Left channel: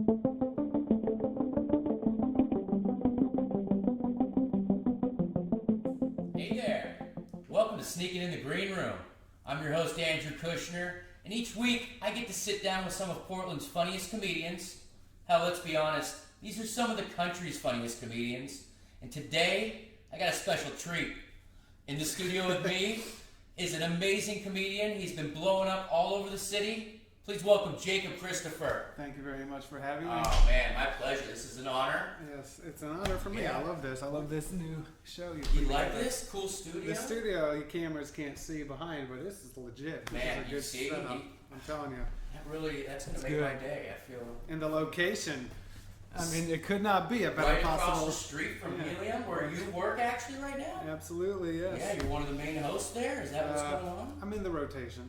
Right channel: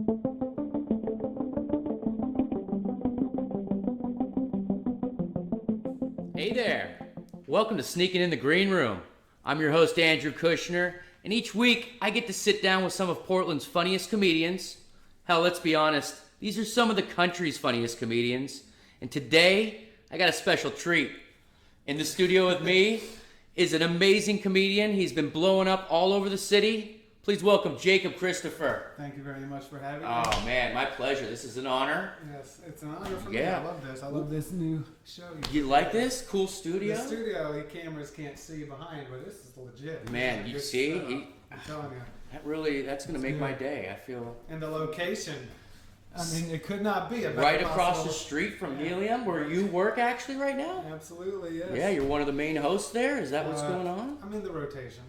Hey there! Welcome to Sneaking in the Green Room. I'm your host, Andrew Kushner, and each week I get to sit down with some of Portland's funniest comedians. Hell, let's be honest, these are some of the country's funniest comedians. And today, I got a special treat. In the studio with me is an amazing comedian. He's been blowing up all over the city. Please welcome Jacob Christopher. Thank you very much for having me. Oh man, my pleasure. This is an honor. Yes, it's an honor for me. Yeah. I love this. I love this new show. You like this? Cool studio? The studio, the cameras can't see behind, but this is legit. Man, you It's see? I'm telling you. That's gonna make my day, I feel. And the location, I mean, it could not be a better Right across possible. the street from Helium, where you work actually right now? Absolutely, yes. Yeah, you're one of the main hosts there? Is that what's going on? I'm in the rotation.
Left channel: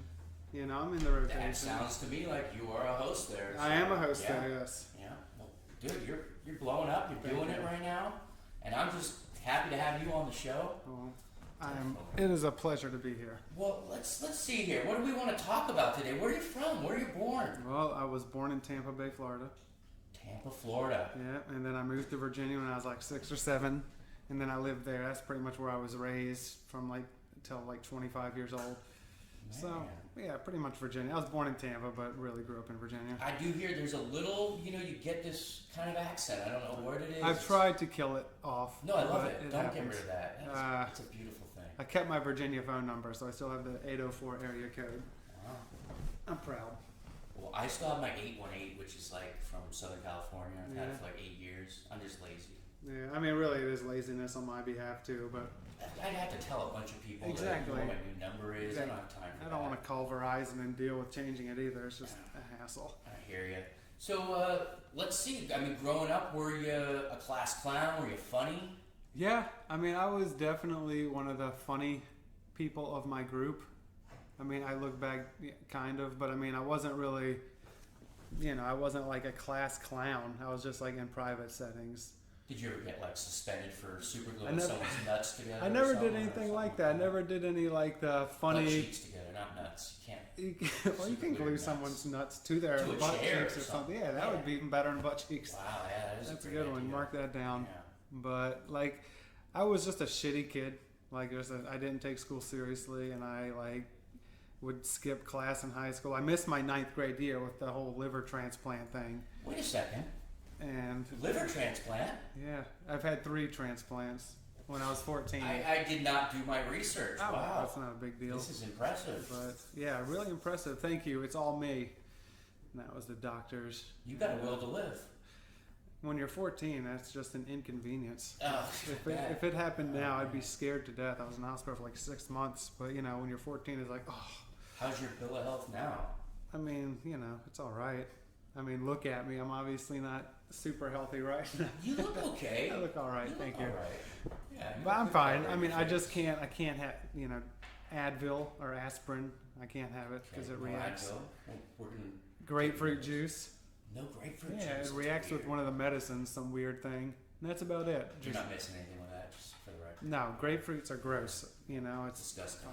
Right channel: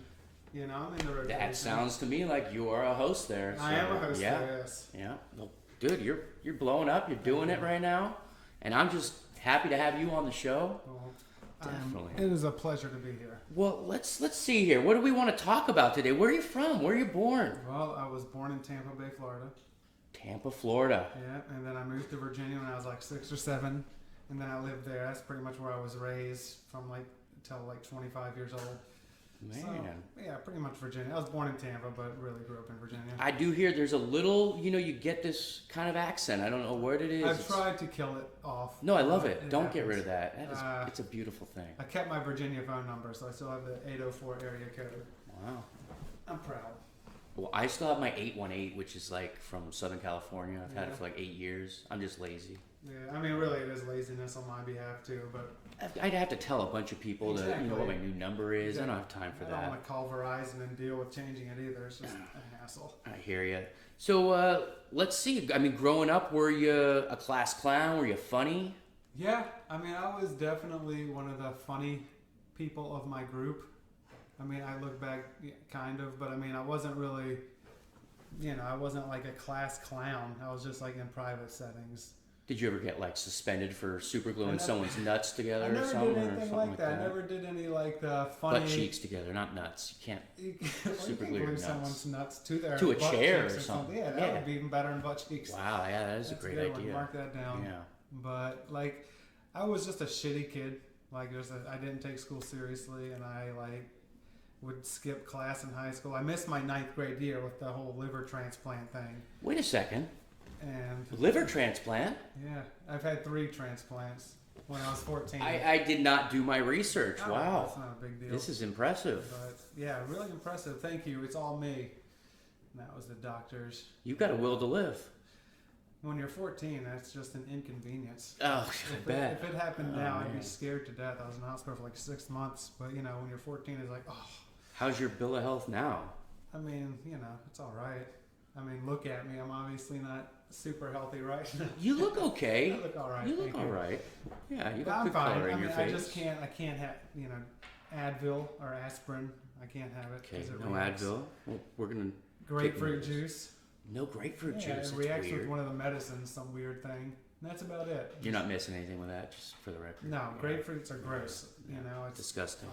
You know, I'm in the rotation. That sounds to me like you are a host there. I am a host yeah. there, yes. Yeah. Well, dude, you're blowing up. You're doing it right now, and I'm just happy to have you on the show. Well, Definitely. it is a pleasure to be here. Well, let's see here. What do we want to talk about today? Where are you from? Where are you born? Well, I was born in Tampa Bay, Florida. Tampa, Florida. Yeah, and then I moved to Virginia when I was like 6 or 7, and then I lived there. That's pretty much where I was raised from like until like 25 years old. Man. So, yeah, pretty much Virginia. I was born in Tampa, but really grew up in Virginia. I do hear there's a little, you get this kind of accent. I don't know what it is. I've tried to kill it off. No, I love but it. Don't get rid of happens. that. It's a beautiful thing. I kept my Virginia phone number, so I still have the 804 area code. Wow. I'm proud. Well, I still have my 818, which is like from Southern California. I've had it for like 8 years. I'm just lazy. Yeah, I mean, really, it is laziness on my behalf too, but I'd have to tell a bunch of people to know what my new number is. I don't have time for I don't that. want to call Verizon and deal with changing it either. It's just a hassle. I hear you. So let's see. I mean, growing up, were you a class clown? Were you funny? Yeah, I mean, I was definitely one of the funny people of my group. I mean, I look back, kind of, but I mean, I wasn't really, I wasn't like a class clown. I was just like in private settings. Did you ever get like suspended for super gluing someone's nuts together I or never something? did anything like that. I never did any like funny. Butt cheeks together, not nuts. You can't super glue your nuts. Someone's nuts to their to a butt chair or cheeks something. Yeah, that would be even better than butt cheeks. Wow, yeah, that is a That's great good one. idea. Mark that down. Yeah. But like, I was just a shitty kid. Like, I didn't take school seriously, and I like would skip class in high school. I missed my 9th grade year with the whole liver transplant thing. Wait a second. And Liver transplant? yeah, I've had 3 transplants when I was 14. I did not do my research. Oh, Wow. That's not a big deal. This is impressive. But yeah, really impressive. Thank you. It's all me. And that was the doctors. You've got a will to live. When you're 14, that's just an inconvenience. Oh, If bad. it happened Oh, now, I'd man. be scared to death. I was in the hospital for like 6 months. But when you're 14, it's like, oh. How's your bill of health now? I mean, it's all right. I mean, look at me. I'm obviously not super healthy, right? You look okay. I look all right. You look thank all right. Yeah, you got I'm good fine. color I in mean, your I face. just can't. I can't have Advil or aspirin. I can't have it. Okay, 'cause it no reacts. Advil. Well, we're gonna Grapefruit Kick juice. no grapefruit Yeah, juice. it That's reacts weird. with one of the medicines, some weird thing. And that's about it. You're not missing anything with that, just for the record. No, grapefruits are gross. It's Disgusting.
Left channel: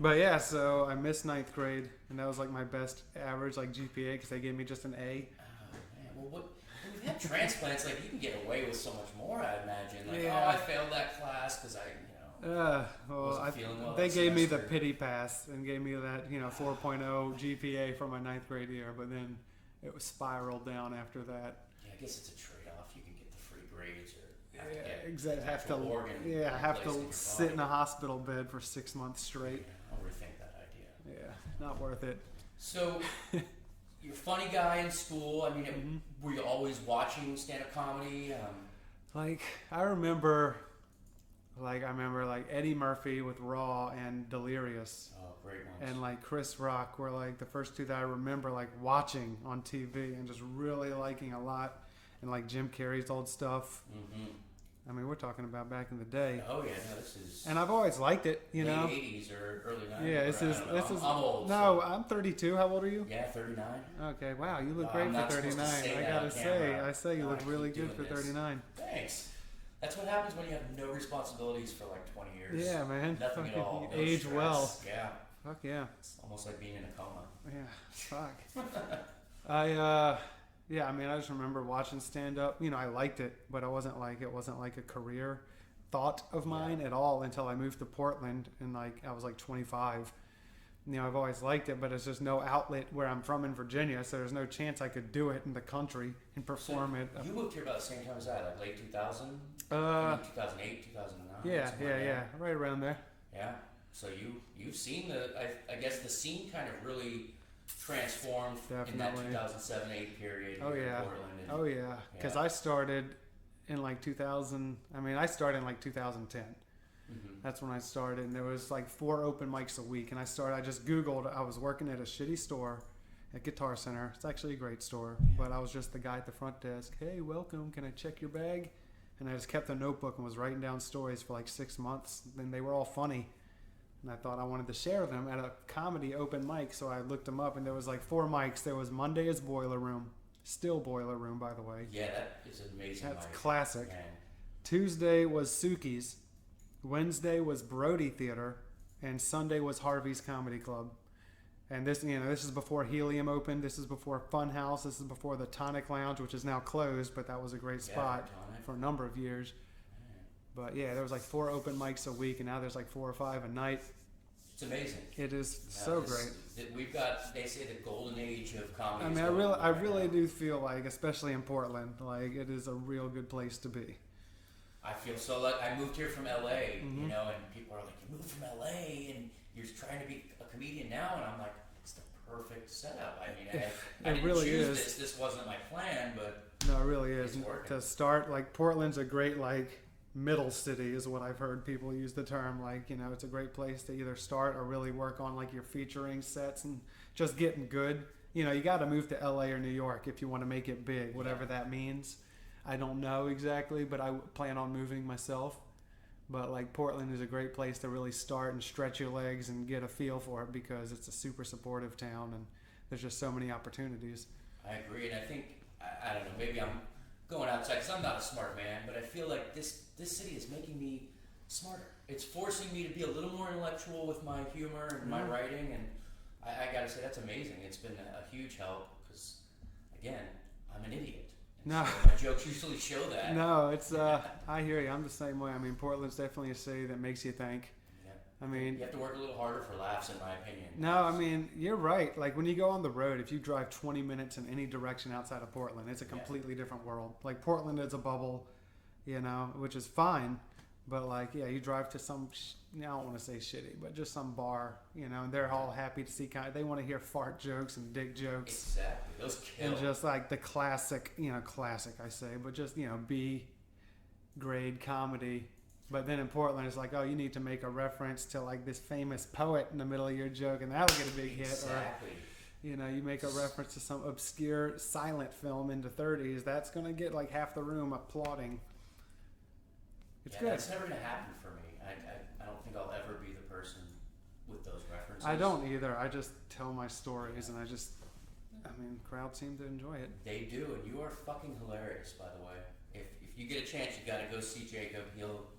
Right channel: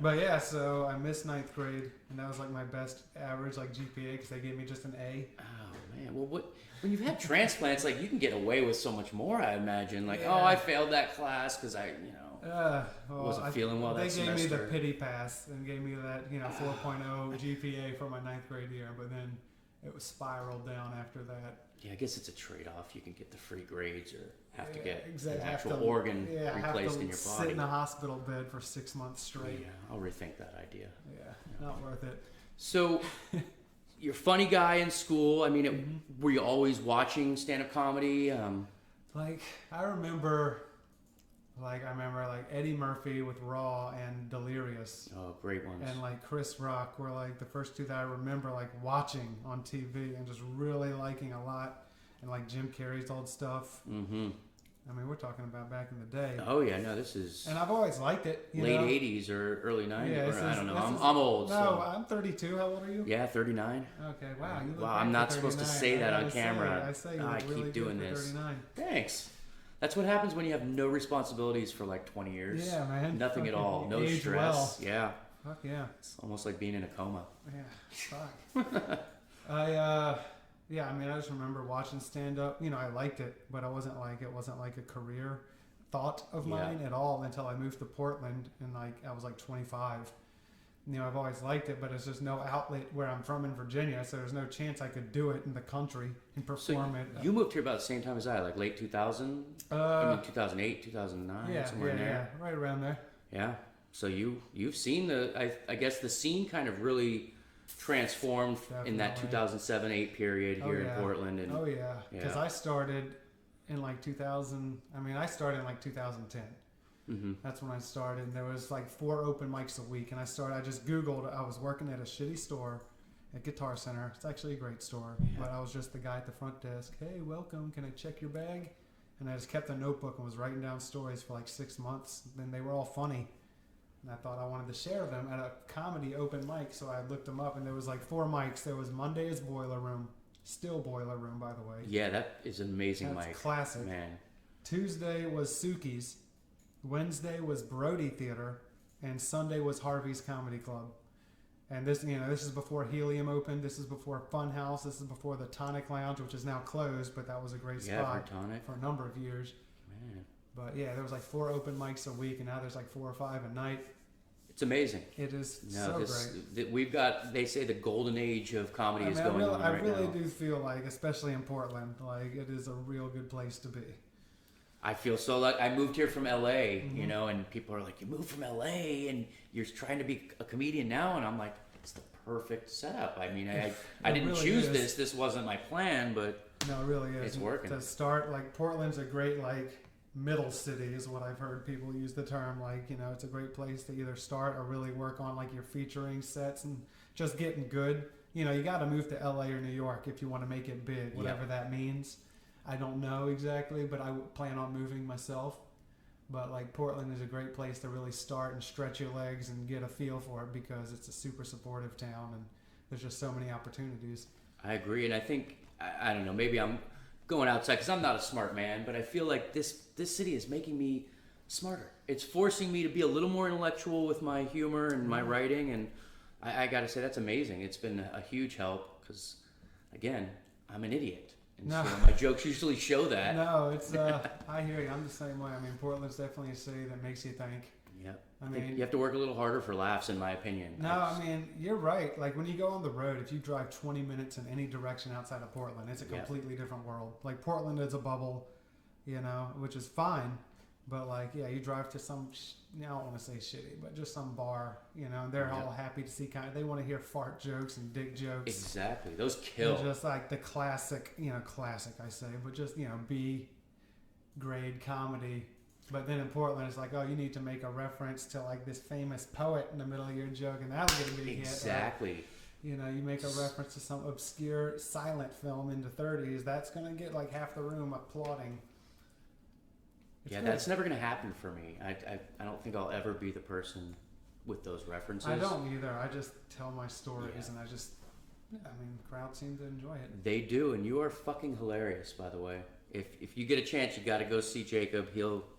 But yeah, so I missed 9th grade, and that was like my best average, like GPA, because they gave me just an A. Oh man, well, when you've had transplants, like you can get away with so much more. I imagine, like, Yeah. oh, I failed that class because I, wasn't I- feeling well They that gave me the semester. pity pass and gave me that 4.0 GPA for my 9th grade year, but then it was spiraled down after that. Yeah, I guess it's a trade-off. You can get the free grades or have to Yeah, get exactly. an actual Have to- organ Yeah, I have replaced to in your sit body. in a hospital bed for 6 months straight. Yeah, I'll rethink that idea. Yeah, not worth it. So, you're a funny guy in school. I mean, were you always watching stand-up comedy? Like I remember Eddie Murphy with Raw and Delirious. Oh, great ones. And like Chris Rock were like the first 2 that I remember like watching on TV and just really liking a lot. And like Jim Carrey's old stuff. Mm-hmm. I mean, we're talking about back in the day. Oh yeah, no, this is And I've always liked it. late know? 80s or early 90s. Yeah, or, this I is- don't know. this I'm, is- I'm old. No, So. I'm 32. How old are you? Yeah, 39. Okay, wow. You look Wow, great I'm for not supposed to 39. say that I on gotta camera. I say you Oh, I look keep really good doing for this. 39. Thanks. That's what happens when you have no responsibilities for like 20 years. Yeah, man. Nothing at all. No Age stress. well. Yeah. Fuck yeah. It's almost like being in a coma. Yeah. Fuck. I Yeah, I mean, I just remember watching stand up. You know, I liked it, but it wasn't like a career thought of mine at all until I moved to Portland and like I was like 25. You know, I've always liked it, but it's just no outlet where I'm from in Virginia, so there's no chance I could do it in the country and perform it. You moved here about the same time as I, like late 2000? I mean 2008, 2009, somewhere in there. Yeah, right around there. Yeah. So you've seen I guess the scene kind of really transformed in that 2007-8 period here in Portland. And, because I started in like 2000. I mean, I started in like 2010. That's when I started, and there was like 4 open mics a week. And I just Googled. I was working at a shitty store, at Guitar Center. It's actually a great store, but I was just the guy at the front desk. Hey, welcome. Can I check your bag? And I just kept a notebook and was writing down stories for like 6 months. And they were all funny. And I thought I wanted to share them at a comedy open mic, so I looked them up, and there was like 4 mics. There was Monday's Boiler Room, still Boiler Room, by the way. Yeah, that is an amazing mic. Classic. Man. Tuesday was Suki's, Wednesday was Brody Theater, and Sunday was Harvey's Comedy Club. And this is before Helium opened. This is before Funhouse. This is before the Tonic Lounge, which is now closed, but that was a great spot for a number of years. But yeah, there was like 4 open mics a week, and now there's like 4 or 5 a night. It's amazing. It is great. We've got, they say the golden age of comedy is going on right now. I really do feel like, especially in Portland, like it is a real good place to be. I feel so like I moved here from LA, you know, and people are like, you moved from LA and you're trying to be a comedian now, and I'm like, it's the perfect setup. I mean, I didn't really choose this. This wasn't my plan, but no, it really is. It's working. To start, like Portland's a great like middle city is what I've heard people use the term. Like, you know, it's a great place to either start or really work on like your featuring sets and just getting good. You know, you got to move to LA or New York if you want to make it big, whatever that means. I don't know exactly, but I plan on moving myself. But like Portland is a great place to really start and stretch your legs and get a feel for it because it's a super supportive town and there's just so many opportunities. I agree, and I think, I don't know, maybe I'm going outside because I'm not a smart man, but I feel like this city is making me smarter. It's forcing me to be a little more intellectual with my humor and my writing, and I gotta say that's amazing. It's been a huge help because, again, I'm an idiot. And so my jokes usually show that. No, it's I hear you. I'm the same way. I mean, Portland's definitely a city that makes you think. Yeah. I mean, you have to work a little harder for laughs, in my opinion. No, I mean, you're right. Like when you go on the road, if you drive 20 minutes in any direction outside of Portland, it's a completely different world. Like Portland is a bubble, you know, which is fine. But like, yeah, you drive to some, I don't want to say shitty, but just some bar, you know, they're all happy to see they want to hear fart jokes and dick jokes. Exactly. Those kill. They're just like the classic, classic I say, but just, B grade comedy. But then in Portland, it's like, oh, you need to make a reference to like this famous poet in the middle of your joke, and that'll get a big hit. Exactly. You make a reference to some obscure silent film in the 30s, that's going to get like half the room applauding. That's never going to happen for me. I don't think I'll ever be the person with those references. I don't either. I just tell my stories, and crowds seem to enjoy it. They do, and you are fucking hilarious, by the way. If you get a chance, you got to go see Jacob.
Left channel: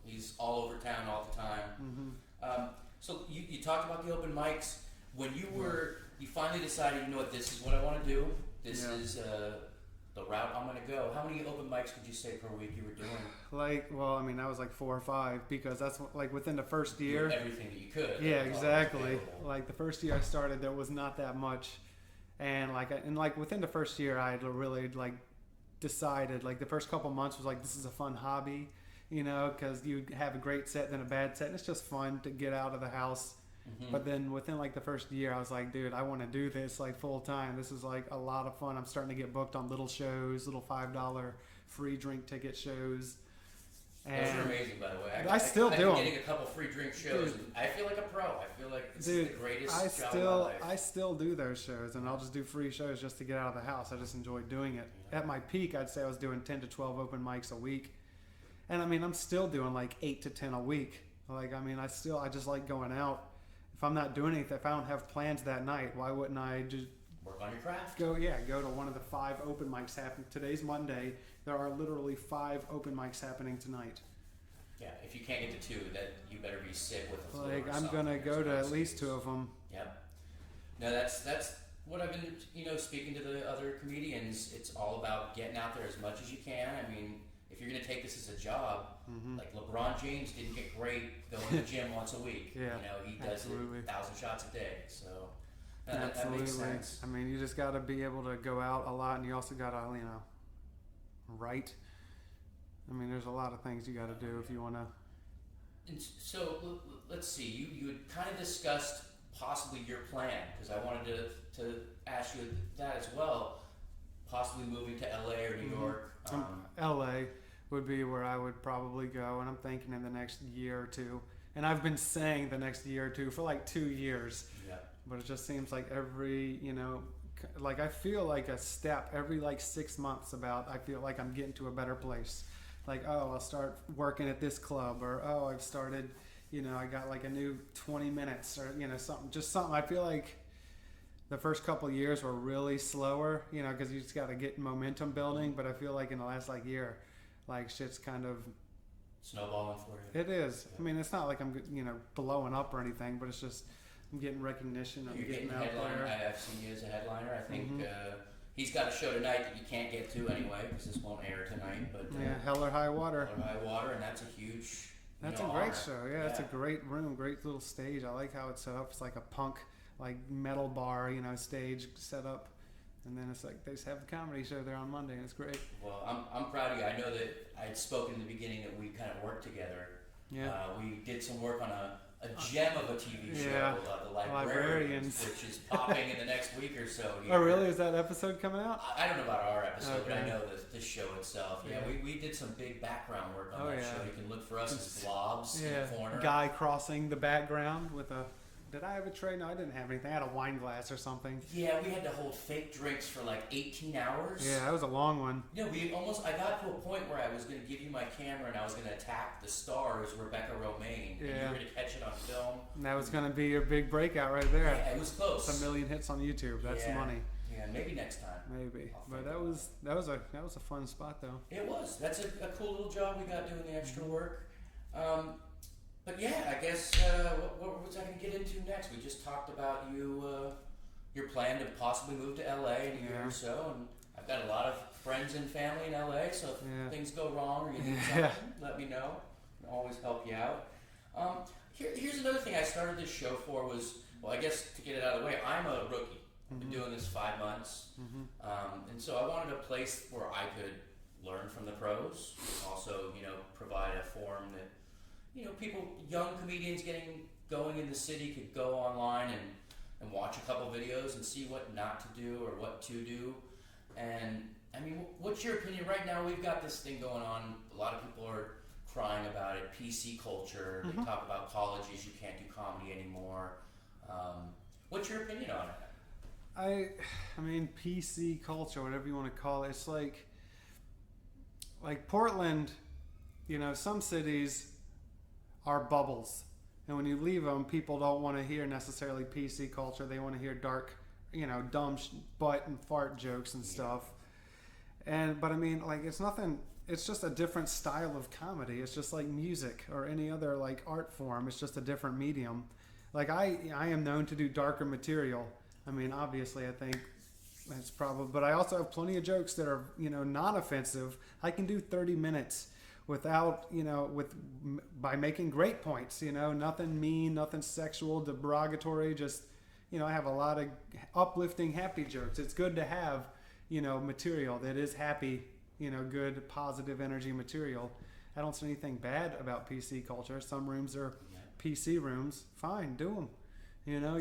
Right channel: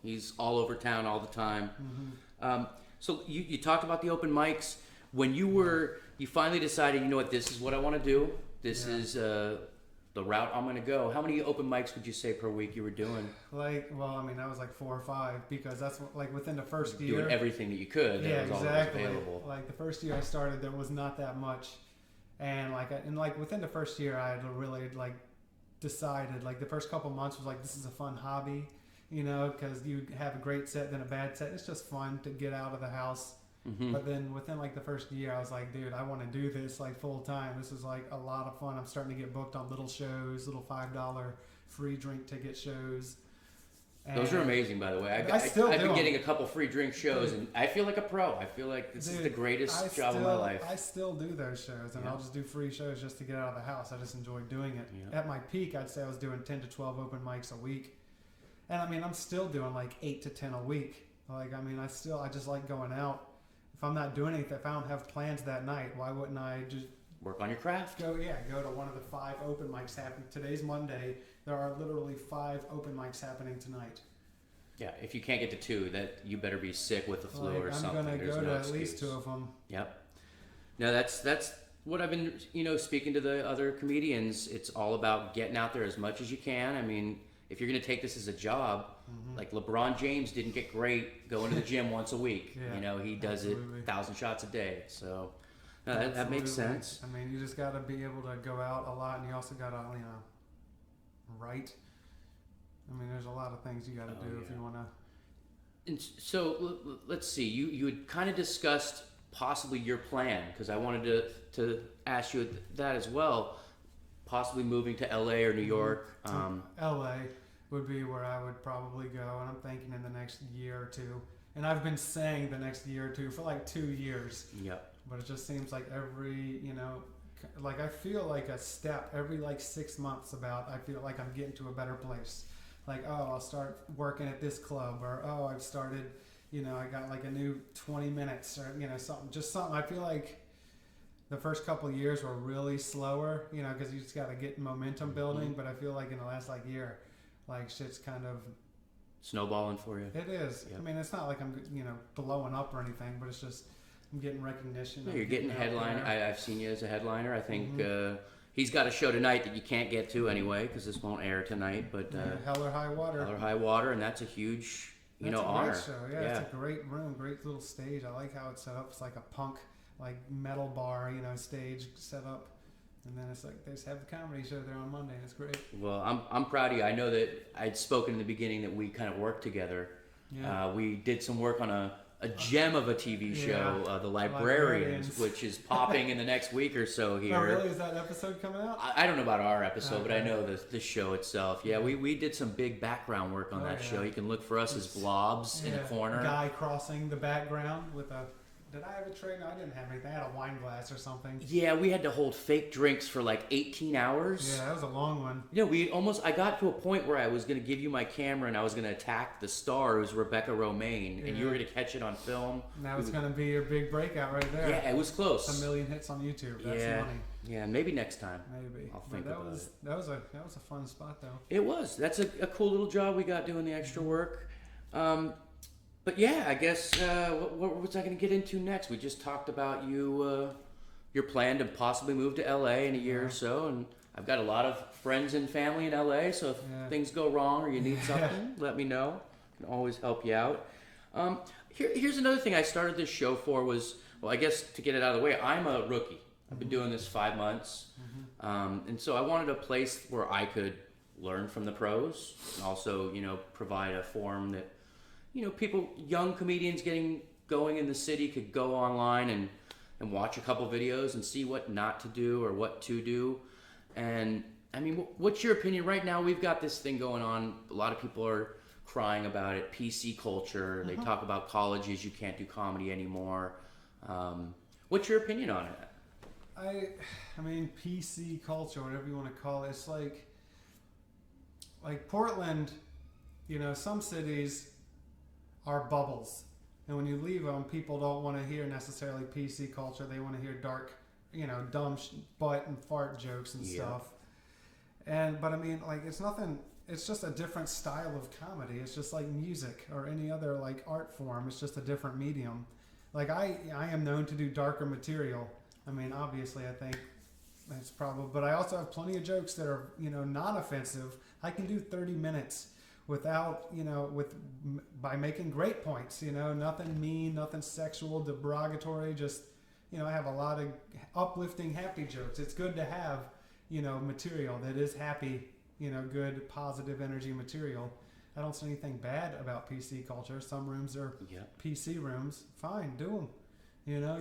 He's all over town all the time. So you talked about the open mics. When you finally decided, you know what, this is what I want to do. This is the route I'm going to go. How many open mics would you say per week you were doing? That was like 4 or 5 because that's like within the first year. Doing everything that you could. Yeah, was exactly. Available. Like the first year I started, there was not that much, and within the first year I had really like decided, like the first couple months was like, this is a fun hobby, because you have a great set then a bad set. It's just fun to get out of the house. But then within like the first year, I was like, dude, I want to do this like full time. This is like a lot of fun. I'm starting to get booked on little shows, little $5 free drink ticket shows. And those are amazing, by the way. I've been getting a couple free drink shows, and I feel like a pro. I feel like this is the greatest job of my life. I still do those shows, and I'll just do free shows just to get out of the house. I just enjoy doing it. At my peak, I'd say I was doing 10 to 12 open mics a week. And I'm still doing like 8 to 10 a week. I just like going out. If I'm not doing anything, if I don't have plans that night, why wouldn't I just work on your craft? Go to one of the 5 open mics happening. Today's Monday. There are literally 5 open mics happening tonight. Yeah, if you can't get to 2, that you better be sick with the flu or something. I'm gonna go to at least 2 of them. Yep. No, that's what I've been, speaking to the other comedians. It's all about getting out there as much as you can. I mean, if you're gonna take this as a job, like LeBron James didn't get great going to the gym once a week. Yeah, He does it absolutely. 1,000 shots a day. So no, that makes sense. I mean, you just got to be able to go out a lot, and you also got to, write. I mean, there's a lot of things you got to do if you want to. And so let's see. You had kind of discussed possibly your plan, because I wanted to ask you that as well. Possibly moving to LA or New York. LA would be where I would probably go, and I'm thinking in the next year or two. And I've been saying the next year or two for like 2 years. Yeah. But it just seems like every, like I feel like a step every like 6 months I feel like I'm getting to a better place. Like, oh, I'll start working at this club, or oh, I've started, I got like a new 20 minutes, or, something. I feel like the first couple of years were really slower, because you just got to get momentum building. But I feel like in the last like year, like shit's kind of snowballing for you. It is. Yeah. I mean, it's not like I'm, blowing up or anything, but it's just I'm getting recognition. Yeah, you're getting headline. I've seen you as a headliner. I think he's got a show tonight that you can't get to anyway because this won't air tonight. But Hell or High Water. Hell or High Water, and that's a huge, That's a honor. great show. Yeah, it's a great room, great little stage. I like how it's set up. It's like a punk, like metal bar, stage set up. And then it's like they just have a comedy show there on Monday. It's great. Well, I'm proud of you. I know that I'd spoken in the beginning that we kind of worked together. Yeah. We did some work on a gem of a TV show, The Librarians, which is popping in the next week or so here. Oh, really? Is that episode coming out? I don't know about our episode, but I Okay. know the show itself. Yeah, we did some big background work on that show. You can look for us as blobs in the corner. Guy crossing the background with a. Did I have a tray? No, I didn't have anything. I had a wine glass or something. Yeah, we had to hold fake drinks for like 18 hours. Yeah, that was a long one. I got to a point where I was going to give you my camera and I was going to attack the star, who's Rebecca Romaine, and you were going to catch it on film. That was going to be your big breakout right there. Yeah, it was close. 1 million hits on YouTube. That's funny. Yeah, maybe next time. Maybe. I'll think that about was that was a fun spot though. It was. That's a cool little job we got doing the extra work. But yeah, I guess what was I going to get into next? We just talked about your plan to possibly move to LA in a year or so, and I've got a lot of friends and family in LA. So if things go wrong or you need something, let me know. I can always help you out. Here's another thing I started this show for was, well, I guess to get it out of the way, I'm a rookie. I've been doing this 5 months, and so I wanted a place where I could learn from the pros, and also provide a forum that people, young comedians getting going in the city could go online and watch a couple videos and see what not to do or what to do. And I mean, what's your opinion? Right now we've got this thing going on. A lot of people are crying about it. PC culture. They talk about colleges. You can't do comedy anymore. What's your opinion on it? I mean, PC culture, whatever you want to call it. It's like Portland. Some cities are bubbles, and when you leave them, people don't want to hear necessarily PC culture. They want to hear dark, dumb butt and fart jokes and stuff. But I mean, like, it's nothing. It's just a different style of comedy. It's just like music or any other like art form. It's just a different medium. Like I am known to do darker material. I mean, obviously, I think that's probably. But I also have plenty of jokes that are not offensive. I can do 30 minutes without by making great points, nothing mean, nothing sexual, derogatory, just, I have a lot of uplifting, happy jokes. It's good to have, material that is happy, good, positive energy material. I don't see anything bad about PC culture. Some rooms are PC rooms. Fine, do them.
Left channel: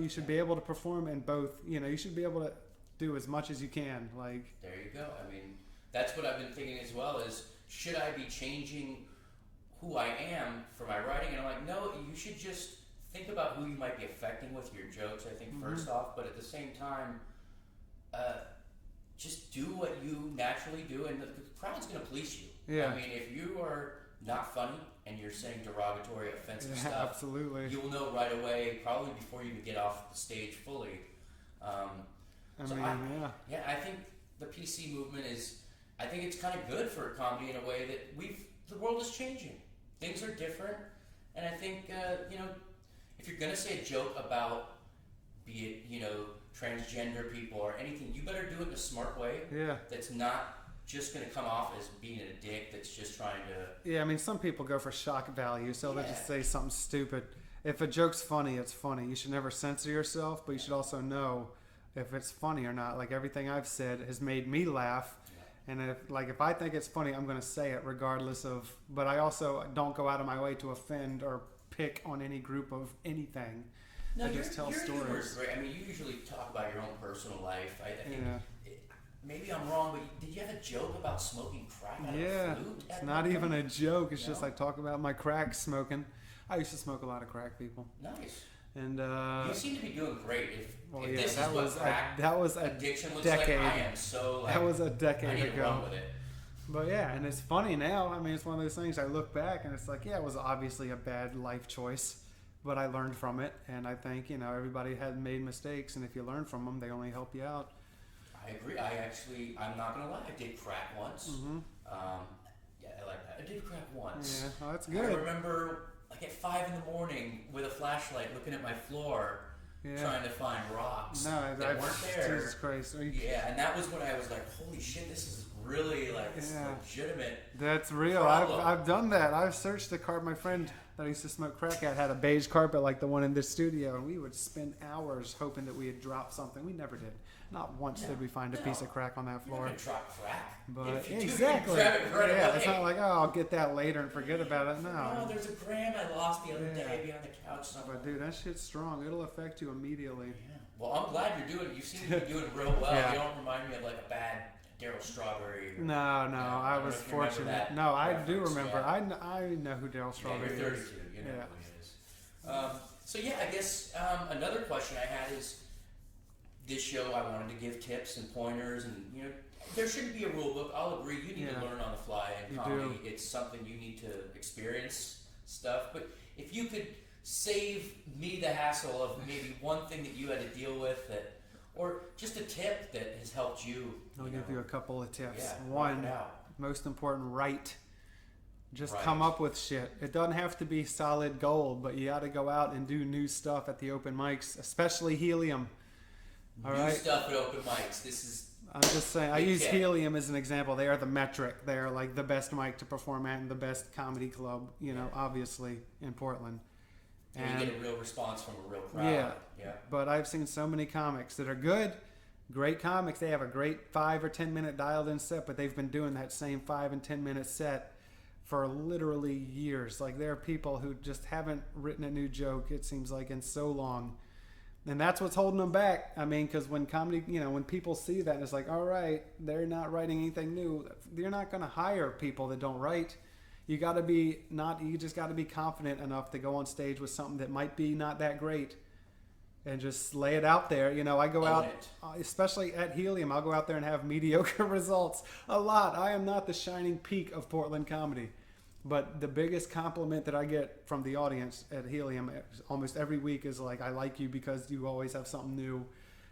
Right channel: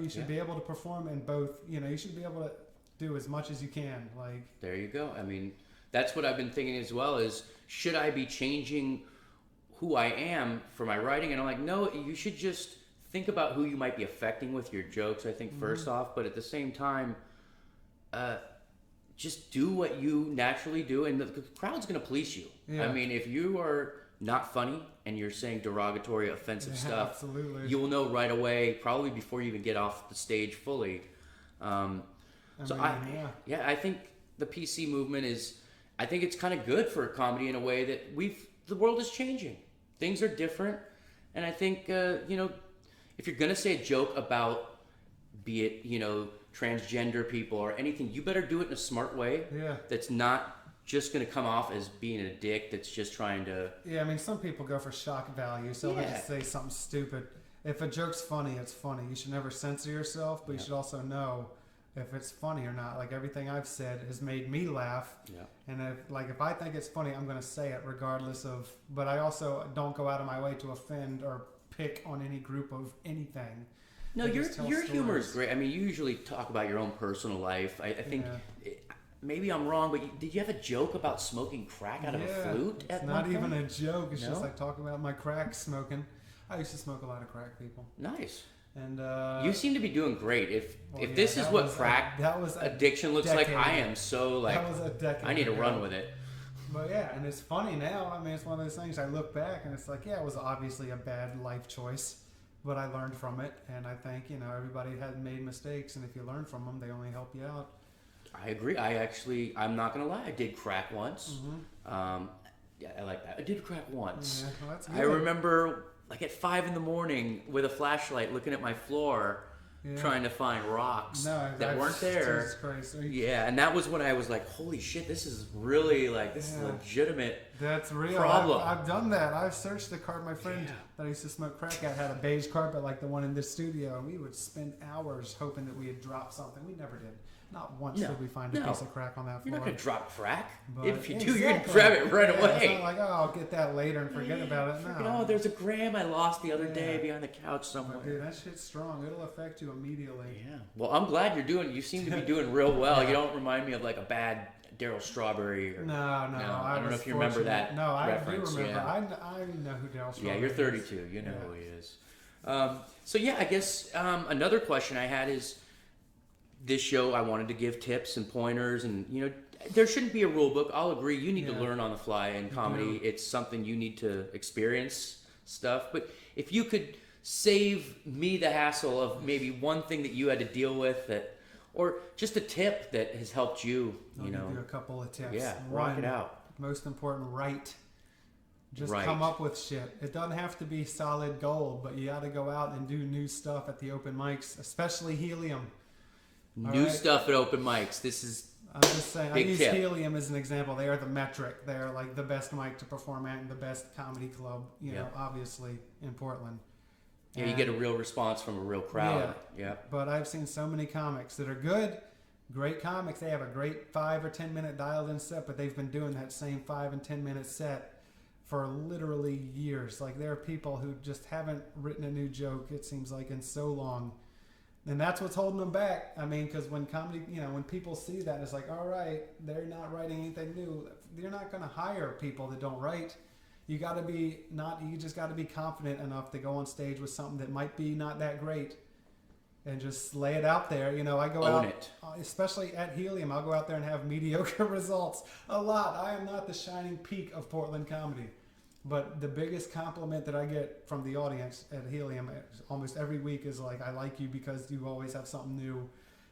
You should be able to perform in both, you should be able to do as much as you can. Like, there you go. I mean, that's what I've been thinking as well is, should I be changing who I am for my writing? And I'm like, no, you should just think about who you might be affecting with your jokes, I think, first off, but at the same time, just do what you naturally do, and the crowd's going to police you. Yeah. I mean, if you are not funny and you're saying derogatory, offensive stuff, absolutely. you will know right away, probably before you even get off the stage fully. I think the PC movement I think it's kind of good for comedy in a way that the world is changing. Things are different, and I think if you're gonna say a joke about, be it transgender people or anything, you better do it in a smart way. Yeah. That's not just going to come off as being a dick that's just trying to. Yeah, I mean, some people go for shock value, so Yeah. they'll just say something stupid. If a joke's funny, it's funny. You should never censor yourself, but you should also know if it's funny or not. Like, everything I've said has made me laugh. Yeah. And if I think it's funny, I'm going to say it regardless of. But I also don't go out of my way to offend or pick on any group of anything. No, your humor is great. I mean, you usually talk about your own personal life. I think maybe I'm wrong, but did you have a joke about smoking crack out of a flute? It's not even a joke. It's just I talk about my crack smoking. I used to smoke a lot of crack, people. Nice. And you seem to be doing great. If this is what crack addiction looks like, I am so like. That was a decade. I need to run with it. But yeah, and it's funny now. I mean, it's one of those things I look back and it's like, yeah, it was obviously a bad life choice. But I learned from it, and I think, everybody had made mistakes, and if you learn from them, they only help you out. I agree. I'm not gonna lie, I did crack once. Mm-hmm. Yeah, I like that. I did crack once. Yeah, that's good. I remember like at 5 a.m. with a flashlight looking at my floor, trying to find rocks that weren't there. Yeah, and that was when I was like, holy shit, this is really like, this is a legitimate problem. I've done that. I've searched the car. My friend that I used to smoke crack at had a beige carpet like the one in this studio. We would spend hours hoping that we had dropped something. We never did. Not once did we find a piece of crack on that floor. You're not going to drop crack. But if you do, you're going to grab it right away. It's not like, I'll get that later and forget about it. No, there's a gram I lost the other day behind the couch somewhere. Dude, that shit's strong. It'll affect you immediately. Yeah. Well, I'm glad you seem to be doing real well. You don't remind me of like a bad Daryl Strawberry. No. I don't know if you remember that reference. I do remember. I know who Daryl Strawberry is. Yeah, you're 32. You know who he is. So yeah, I guess another question I had is, this show I wanted to give tips and pointers, and there shouldn't be a rule book. I'll agree. You need to learn on the fly in comedy. It's something you need to experience stuff. But if you could save me the hassle of maybe one thing that you had to deal with, or just a tip that has helped you, I'll give you a couple of tips. Yeah, rock it out. Most important, write. Just Right. come up with shit. It doesn't have to be solid gold, but you got to go out and do new stuff at the open mics, especially Helium. New stuff at open mics. This is I'm just saying, big I use tip. Helium as an example. They are the metric. They're like the best mic to perform at and the best comedy club, obviously, in Portland. Yeah, you get a real response from a real crowd. Yeah. But I've seen so many comics that are good, great comics. They have a great 5 or 10 minute dialed in set, but they've been doing that same 5 and 10 minute set for literally years. Like, there are people who just haven't written a new joke, it seems like, in so long. And that's what's holding them back. I mean, because when comedy, when people see that, it's like, all right, they're not writing anything new. You're not going to hire people that don't write. You just got to be confident enough to go on stage with something that might be not that great, and just lay it out there. I go Own out, it. especially at Helium. I'll go out there and have mediocre results a lot. I am not the shining peak of Portland comedy, but the biggest compliment that I get from the audience at Helium almost every week is like, I like you because you always have something new.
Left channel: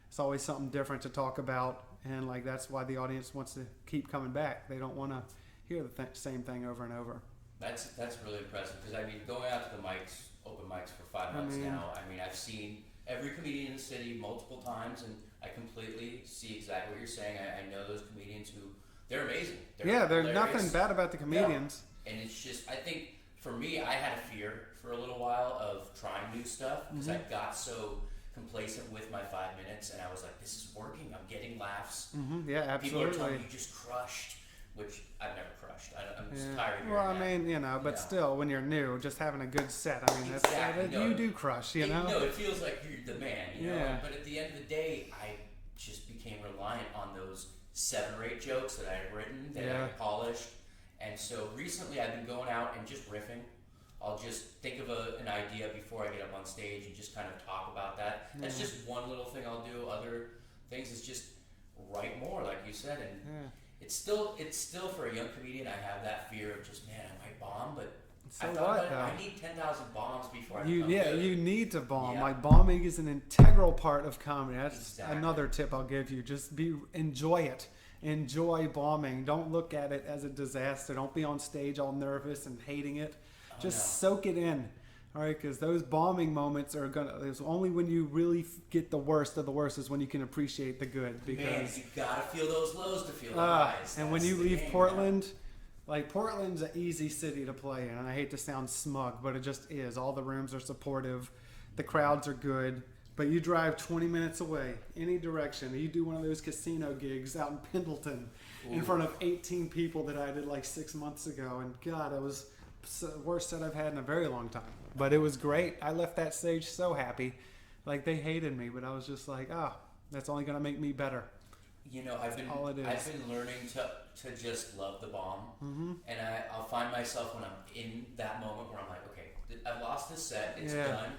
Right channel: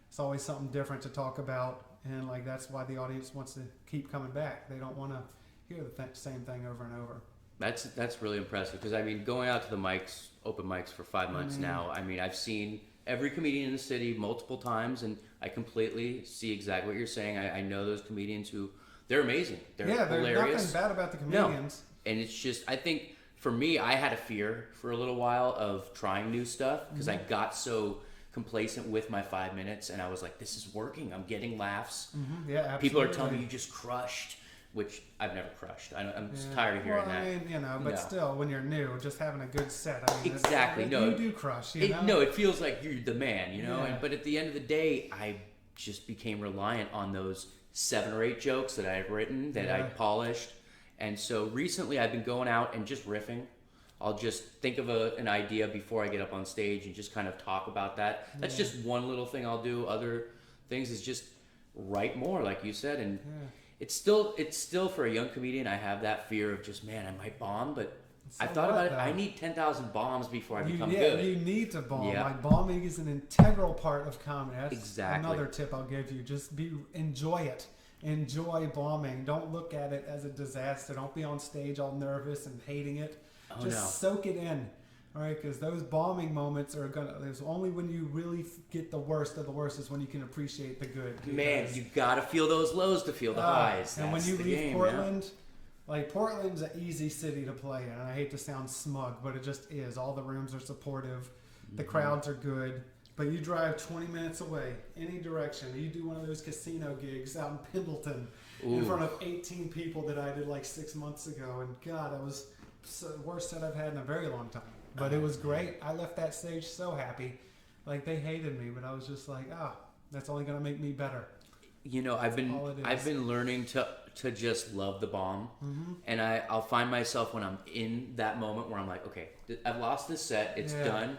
It's always something different to talk about, and like that's why the audience wants to keep coming back. They don't want to hear the same thing over and over. That's really impressive, because I mean, going out to the mics, open mics for 5 months now, I mean, I've seen every comedian in the city multiple times, and I completely see exactly what you're saying. I know those comedians who, they're amazing. They're hilarious. There's nothing bad about the comedians. No. And it's just, I think for me, I had a fear for a little while of trying new stuff, because I got so complacent with my 5 minutes, and I was like, this is working. I'm getting laughs. Yeah, absolutely. People are telling me you just crushed, which I've never crushed. I'm just tired of hearing that. I mean, but still, when you're new, just having a good set. I mean, exactly. You do crush. No, it feels like you're the man, Yeah. But at the end of the day, I just became reliant on those 7 or 8 jokes that I had written, that I polished. And so recently I've been going out and just riffing. I'll just think of an idea before I get up on stage and just kind of talk about that. That's just one little thing I'll do. Other things is just write more, like you said. And it's still for a young comedian, I have that fear of just, man, I might bomb, but I thought about it. I need 10,000 bombs before I become good. You need to bomb. Yeah. Like, bombing is an integral part of comedy. That's another tip I'll give you. Just enjoy it. Enjoy bombing. Don't look at it as a disaster. Don't be on stage all nervous and hating it. Just soak it in. All right, because those bombing moments are gonna. There's only when you really get the worst of the worst is when you can appreciate the good. Man, you gotta feel those lows to feel the highs. And That's when you the leave game, Portland, like Portland's an easy city to play in, and I hate to sound smug, but it just is. All the rooms are supportive, the crowds are good. But you drive 20 minutes away, any direction. You do one of those casino gigs out in Pendleton in front of 18 people that I did like 6 months ago, and God, that was the worst set I've had in a very long time. But it was great. I left that stage so happy. Like they hated me, but I was just like, that's only gonna make me better. You know, I've been learning to just love the bomb, and I'll find myself when I'm in that moment where I'm like, okay, I've lost this set, it's done.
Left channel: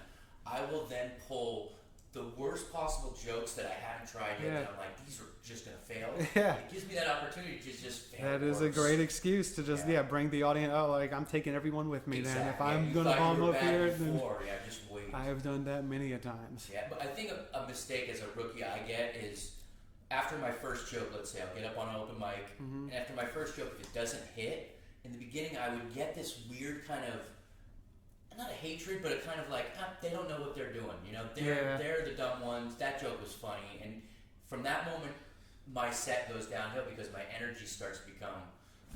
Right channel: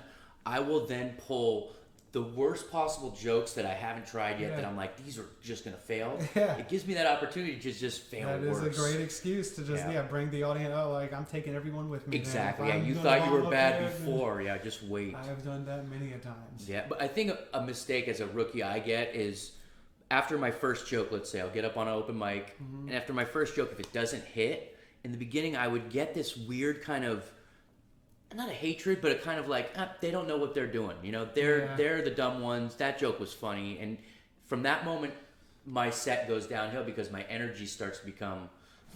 I will then pull the worst possible jokes that I haven't tried yet that I'm like, these are just gonna fail. It gives me that opportunity to just fail worse. That is a great excuse to just bring the audience out. Like I'm taking everyone with me. Exactly. Yeah, you thought you were bad before. Yeah, just wait. I have done that many a times. Yeah, but I think a mistake as a rookie I get is after my first joke. Let's say I'll get up on an open mic, and after my first joke, if it doesn't hit, in the beginning I would get this weird kind of. Not a hatred, but a kind of like they don't know what they're doing. You know, they're the dumb ones. That joke was funny, and from that moment, my set goes downhill because my energy starts to become,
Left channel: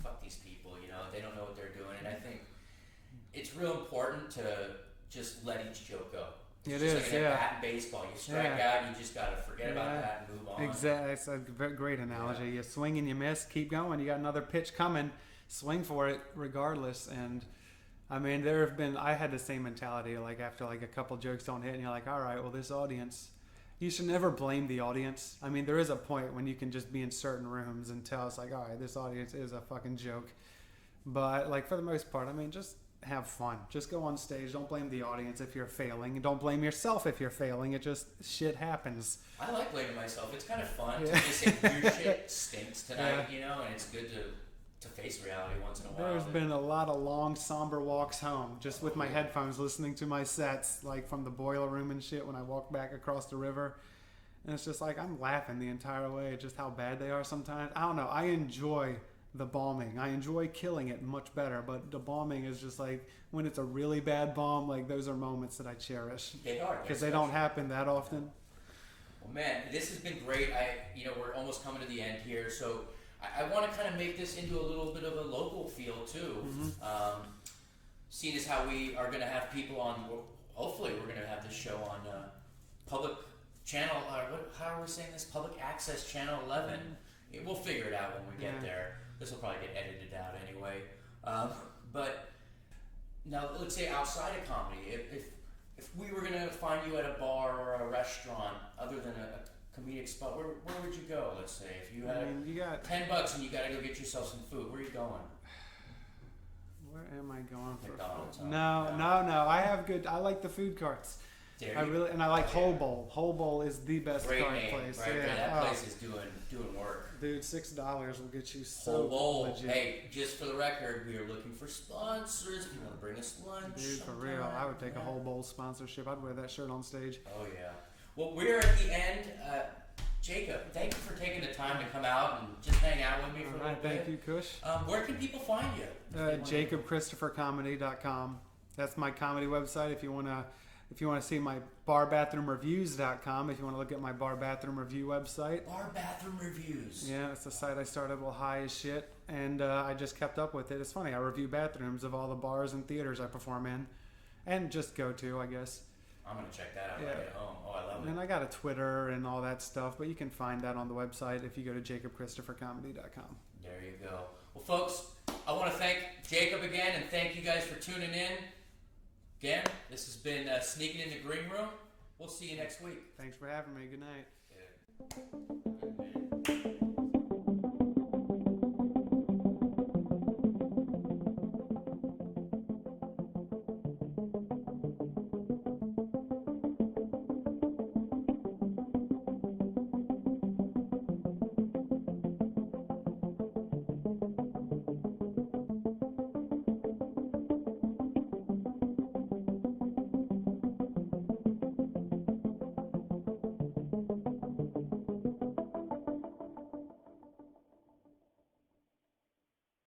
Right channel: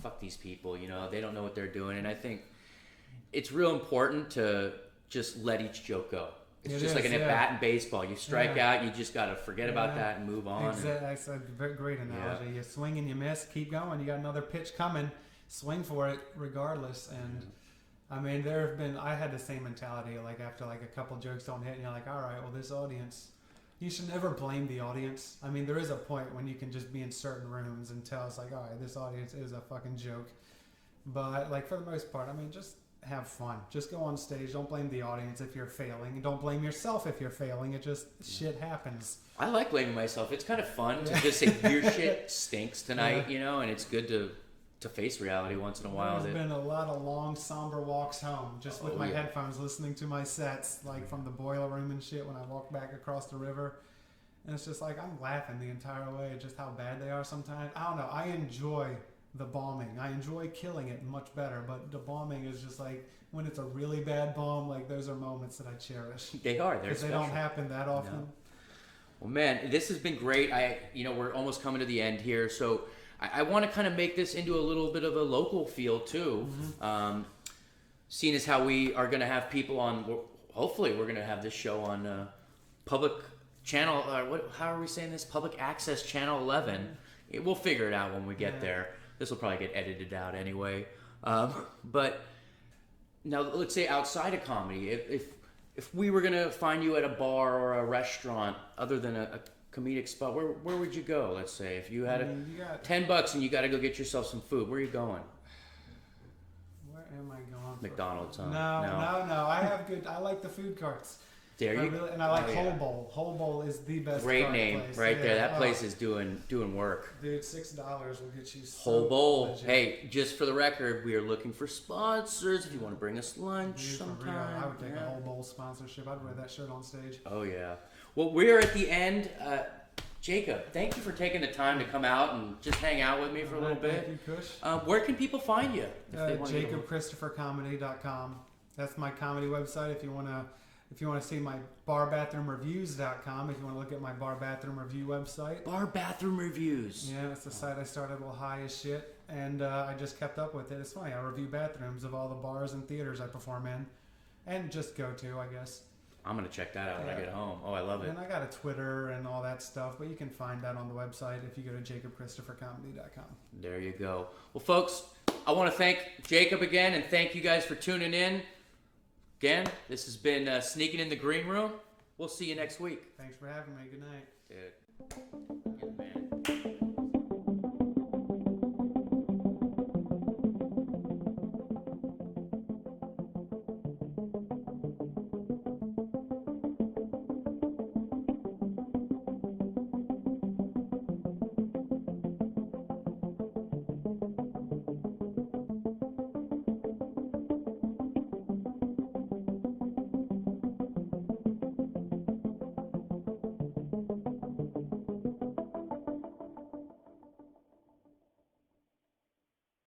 fuck these people. You know, they don't know what they're doing, and I think it's real important to just let each joke go. It's just like an at-bat in baseball. You strike out, you just gotta forget about that and move on. Exactly, that's a very great analogy. You swing and you miss, keep going. You got another pitch coming, swing for it regardless, and. I mean, I had the same mentality, like after like a couple jokes don't hit, and you're like, all right, well, this audience, you should never blame the audience. I mean, there is a point when you can just be in certain rooms and tell it's like, all right, this audience is a fucking joke. But like for the most part, I mean, just have fun. Just go on stage. Don't blame the audience if you're failing. And don't blame yourself if you're failing. It just, shit happens. I like blaming myself. It's kind of fun to just say, your shit stinks tonight, you know, and it's good to face reality once in a while. There's been a lot of long, somber walks home just with my headphones, listening to my sets, like from the boiler room and shit when I walk back across the river. And it's just like, I'm laughing the entire way at just how bad they are sometimes. I don't know. I enjoy the bombing. I enjoy killing it much better, but the bombing is just like, when it's a really bad bomb, like those are moments that I cherish. They are. They're special. They don't happen that often. No. Well, man, this has been great. We're almost coming to the end here, so I want to kind of make this into a little bit of a local feel too. Seeing as how we are going to have people on, hopefully we're going to have this show on public channel, how are we saying this? Public access channel 11. We'll figure it out when we get there. This will probably get edited out anyway. But now let's say outside of comedy, if we were going to find you at a bar or a restaurant other than a comedic spot, where would you go? Let's say if you had $10 and you got to go get yourself some food, where are you going? Where am I going? McDonald's, huh? No. I like the food carts. There you go. And I like Whole Bowl. Whole Bowl is the best. Great name, place. right there. That place is doing work. Dude, $6 will get you. Whole Bowl. Legit. Hey, just for the record, we are looking for sponsors. If you want to bring us lunch sometime, I would make a Whole Bowl sponsorship. I'd wear that shirt on stage. Oh yeah. Well, we're at the end. Jacob, thank you for taking the time to come out and just hang out with me for a little bit. Thank you, Kush. Where can people find you? JacobChristopherComedy.com. That's my comedy website. If you want to see my barbathroomreviews.com, if you want to look at my bar bathroom review website. Bar bathroom reviews. Yeah, it's a site I started a little high as shit, and I just kept up with it. It's funny, I review bathrooms of all the bars and theaters I perform in, and just go to, I guess. I'm going to check that out when I get home. Oh, I love it. And I got a Twitter and all that stuff, but you can find that on the website if you go to JacobChristopherComedy.com. There you go. Well, folks, I want to thank Jacob again, and thank you guys for tuning in. Again, this has been Sneaking in the Green Room. We'll see you next week. Thanks for having me.